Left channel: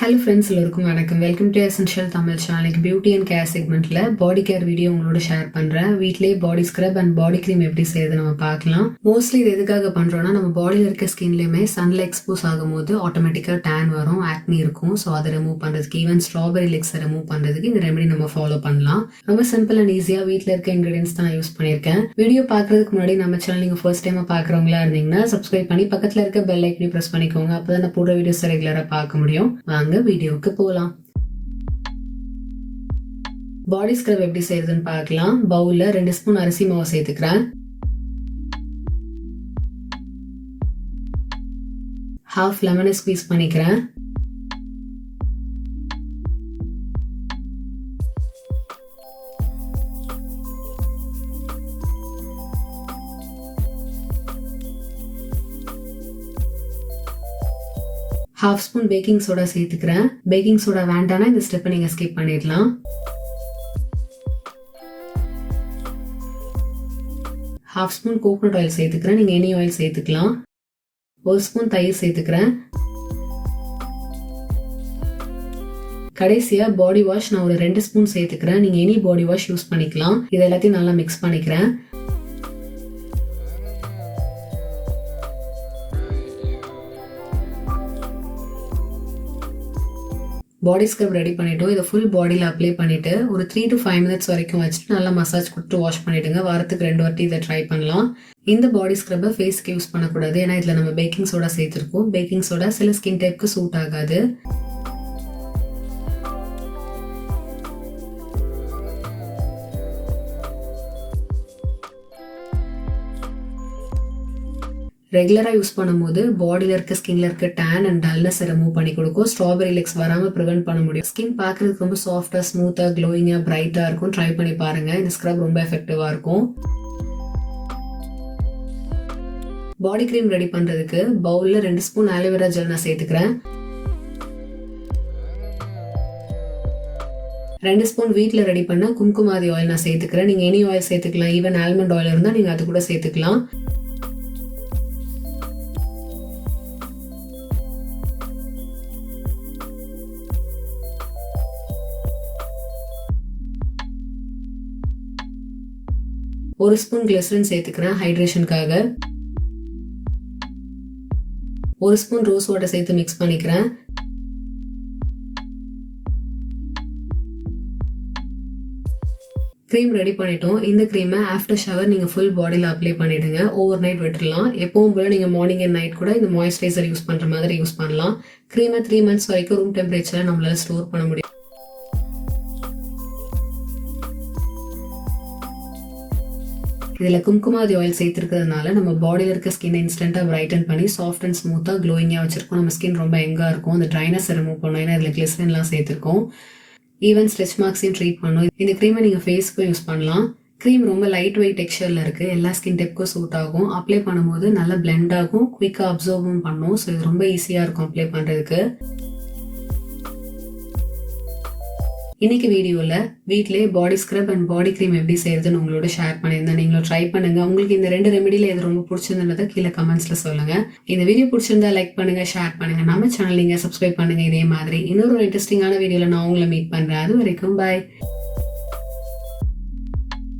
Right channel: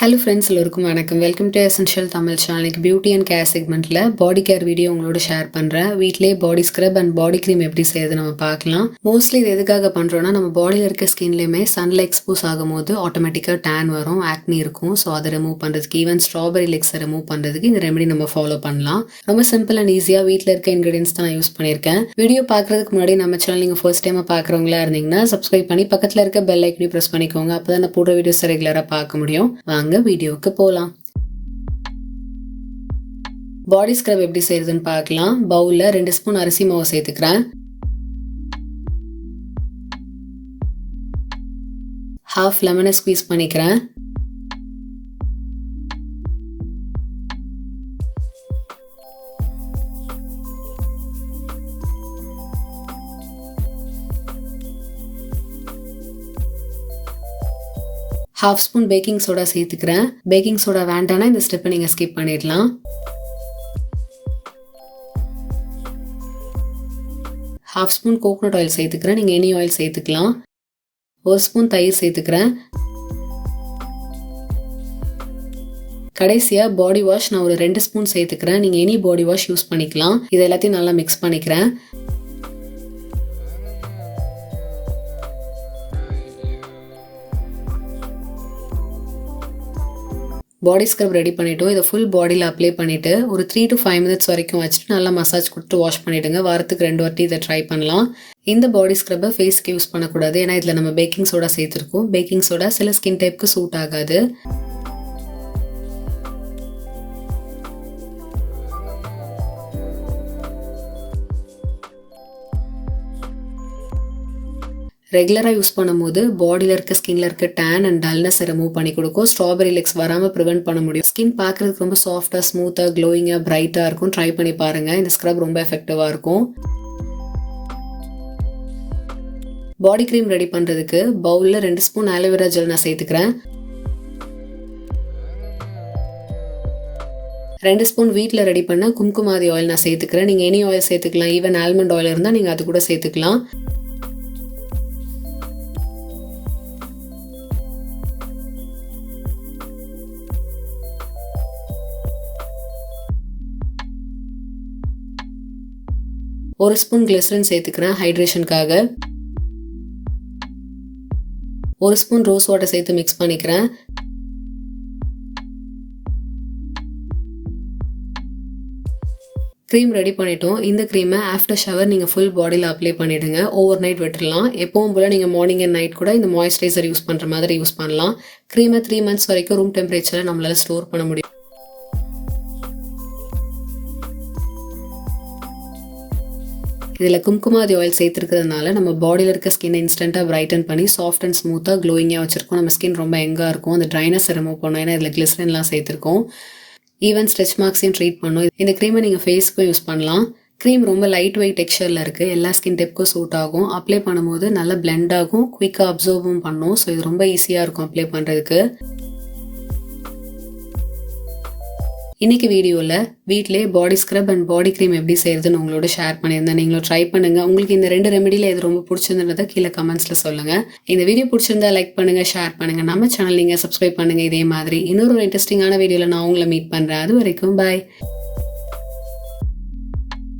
Hello friends, எல்லோருக்கும் வணக்கம். Welcome to essential Tamil channel. Beauty and care செக்மெண்ட்டில் பாடி கேர் வீடியோ உங்களோட ஷேர் பண்ணுறேன். வீட்டிலே பாடி ஸ்க்ரப் அண்ட் பாடி க்ரீம் எப்படி செய்யுது நம்ம பார்க்கலாம். மோஸ்ட்லி இது எதுக்காக பண்ணுறோன்னா, நம்ம பாடியில் இருக்க ஸ்கின்லேயுமே சன்ல எக்ஸ்போஸ் ஆகும்போது ஆட்டோமேட்டிக்காக டேன் வரும், ஆக்னி இருக்கும். ஸோ அதை ரிமூவ் பண்ணுறதுக்கு, ஈவன் ஸ்ட்ராபெரி லெக்ஸை ரிமூவ் பண்ணுறதுக்கு இந்த ரெமெடி நம்ம ஃபாலோ பண்ணலாம். ரொம்ப சிம்பிள் அண்ட் ஈஸியாக வீட்டில் இருக்க இன்க்ரீடியன்ஸ் தான் நான் யூஸ் பண்ணியிருக்கேன். வீடியோ பார்க்குறதுக்கு முன்னாடி நம்ம சேனல் நீங்கள் ஃபர்ஸ்ட் டைமாக பார்க்குறவங்களா இருந்தீங்கன்னா சப்ஸ்கிரைப் பண்ணி பக்கத்தில் இருக்க பெல் ஐக்கனையும் ப்ரெஸ் பண்ணிக்கோங்க. அப்போ தான் நான் போடுற வீடியோஸ் ரெகுலராக பார்க்க முடியும். வீடியோவுக்கு போலாம். பாடி ஸ்க்ரப் எப்படி செய்யறதுன்னு பார்க்கலாம். பவுல்ல 2 ஸ்பூன் அரிசி மாவு சேர்த்துக்கிறேன். ஹாஃப் லெமனை ஸ்குவீஸ் பண்ணிக்கிறேன். ஹாஃப் ஸ்பூன் பேக்கிங் சோடா சேர்த்துக்கிறேன். பேக்கிங் சோடா வேண்டானா இந்த ஸ்டெப்பை நீங்கள் ஸ்கிப் பண்ணிடலாம். ஹாஃப் ஸ்பூன் கோகோனட் ஆயில் சேர்த்துக்கிறேன். நீங்கள் எனி ஆயில் சேர்த்துக்கலாம். 1 ஸ்பூன் தயிர் சேர்த்துக்கிறேன். கடைசியாக பாடி வாஷ் நான் ஒரு 2 ஸ்பூன் சேர்த்துக்கிறேன். நீங்கள் எனி பாடி வாஷ் யூஸ் பண்ணிக்கலாம். இது எல்லாத்தையும் நல்லா மிக்ஸ் பண்ணிக்கிறேன். பாடி ஸ்க்ரப் ரெடி பண்ணிட்டோம். இதை ஃபுல் பாடியில் அப்ளை பண்ணிவிட்டு ஒரு 3 to 5 மினிட்ஸ் வரைக்கும் வச்சுட்டு நல்லா மசாஜ் கொடுத்து வாஷ் பண்ணிவிடுங்க. வாரத்துக்கு 2 வாட்டி இதை ட்ரை பண்ணலாம். இந்த பாடி ஸ்க்ரப்பை ஃபேஸ்க்கு யூஸ் பண்ணக்கூடாது, ஏன்னா இதில் நம்ம பேக்கிங் சோடா சேர்த்துருக்கோம். பேக்கிங் சோடா சில ஸ்கின் டைப்புக்கு சூட் ஆகாது. ரெகுலராக யூஸ் பண்ணும்போது பாடியில் இருக்க ஸ்கின்ல இருக்க டேன் அண்ட் டல்னஸ் ரிமூவ் பண்ணி கொடுக்கும். ஸ்ட்ராபெரி லெக்ஸ் வராமல் ப்ரிவென்ட் பண்ண முடியும். ஸ்கின் பார்க்குறதுக்கு ரொம்ப சாஃப்டாக, ஸ்மூத்தாக, க்ளோயிங்காக, பிரைட்டாக இருக்கும். ட்ரை பண்ணி பாருங்கள். இந்த ஸ்க்ரப் ரொம்ப எஃபெக்டிவாக இருக்கும். பாடி க்ரீம் ரெடி பண்ணுறதுக்கு பவுலில் 2 ஸ்பூன் ஆலோவேரா ஜெல் நான் சேர்த்துக்கிறேன். 2 ஸ்பூன் வீட்டில் ரெடி பண்ண கும்குமாதி ஆயில் நான் சேர்த்துக்கிறேன். நீங்கள் எனி ஆயில் சேர்த்துக்கலாம். ஈவன் ஆல்மண்ட் ஆயில் இருந்தால் நீங்கள் அது கூட சேர்த்துக்கலாம். ஒரு ஸ்பூன் கிளிசரின் சேர்த்துக்கிறேன் ஹைட்ரேஷனுக்காக. 1 ஸ்பூன் ரோஸ் வாட்டர் சேர்த்து மிக்ஸ் பண்ணிக்கிறேன். க்ரீம் ரெடி பண்ணிட்டோம். இந்த க்ரீமை ஆஃப்டர் ஷவர் நீங்கள் ஃபுல் பாடியில் அப்ளை பண்ணிவிடுங்க. ஓவர் நைட் விட்டுடலாம். எப்பவும் போல் நீங்கள் மார்னிங் அண்ட் நைட் கூட இந்த மாய்ஸ்சரைசர் யூஸ் பண்ணுற மாதிரி யூஸ் பண்ணலாம். க்ரீமை 3 மந்த்ஸ் வரைக்கும் ரூம் டெம்பரேச்சரில் நம்மளால் ஸ்டோர் பண்ண முடியும். இதில் கும்குமாதி ஆயில் சேர்த்துருக்கிறதுனால நம்ம பாடியில் இருக்க ஸ்கின்னை இன்ஸ்டண்ட்டாக பிரைட்டன் பண்ணி சாஃப்ட் அண்ட் ஸ்மூத்தாக க்ளோயிங்காக வச்சிருக்கோம். நம்ம ஸ்கின் ரொம்ப எங்காக இருக்கும். அந்த ட்ரைனஸ் ரிமூவ் பண்ணோம், ஏன்னா இதில் கிளிசரின்லாம் சேர்த்துருக்கோம். ஈவன் ஸ்ட்ரெச் மார்க்ஸையும் ட்ரீட் பண்ணும். இந்த க்ரீமை நீங்கள் ஃபேஸ்க்கும் யூஸ் பண்ணலாம். க்ரீம் ரொம்ப லைட் வெயிட் டெக்ஸ்சரில் இருக்குது. எல்லா ஸ்கின் டைப்புக்கும் சூட் ஆகும். அப்ளை பண்ணும்போது நல்லா பிளெண்ட் ஆகும், குயிக்காக அப்சர்வும் பண்ணும். ஸோ இது ரொம்ப ஈஸியாக இருக்கும் அப்ளை பண்ணுறதுக்கு. இன்னைக்கு வீடியோவில் வீட்டிலே பாடி ஸ்க்ரப் அண்ட் பாடி க்ரீம் எப்படி செய்யறதுன்னு உங்களோட ஷேர் பண்ணியிருந்தேன். நீங்களும் ட்ரை பண்ணுங்க. உங்களுக்கு இந்த 2 ரெமெடியில் எது ரொம்ப பிடிச்சிருந்ததை கீழே கமெண்ட்ஸில் சொல்லுங்க. இந்த வீடியோ பிடிச்சிருந்தா லைக் பண்ணுங்க, ஷேர் பண்ணுங்க. நம்ம சேனல் நீங்கள் சப்ஸ்கிரைப் பண்ணுங்க. இதே மாதிரி இன்னொரு இன்ட்ரெஸ்டிங்கான வீடியோவில் நான் உங்களை மீட் பண்ணுறேன். அது வரைக்கும் பாய்.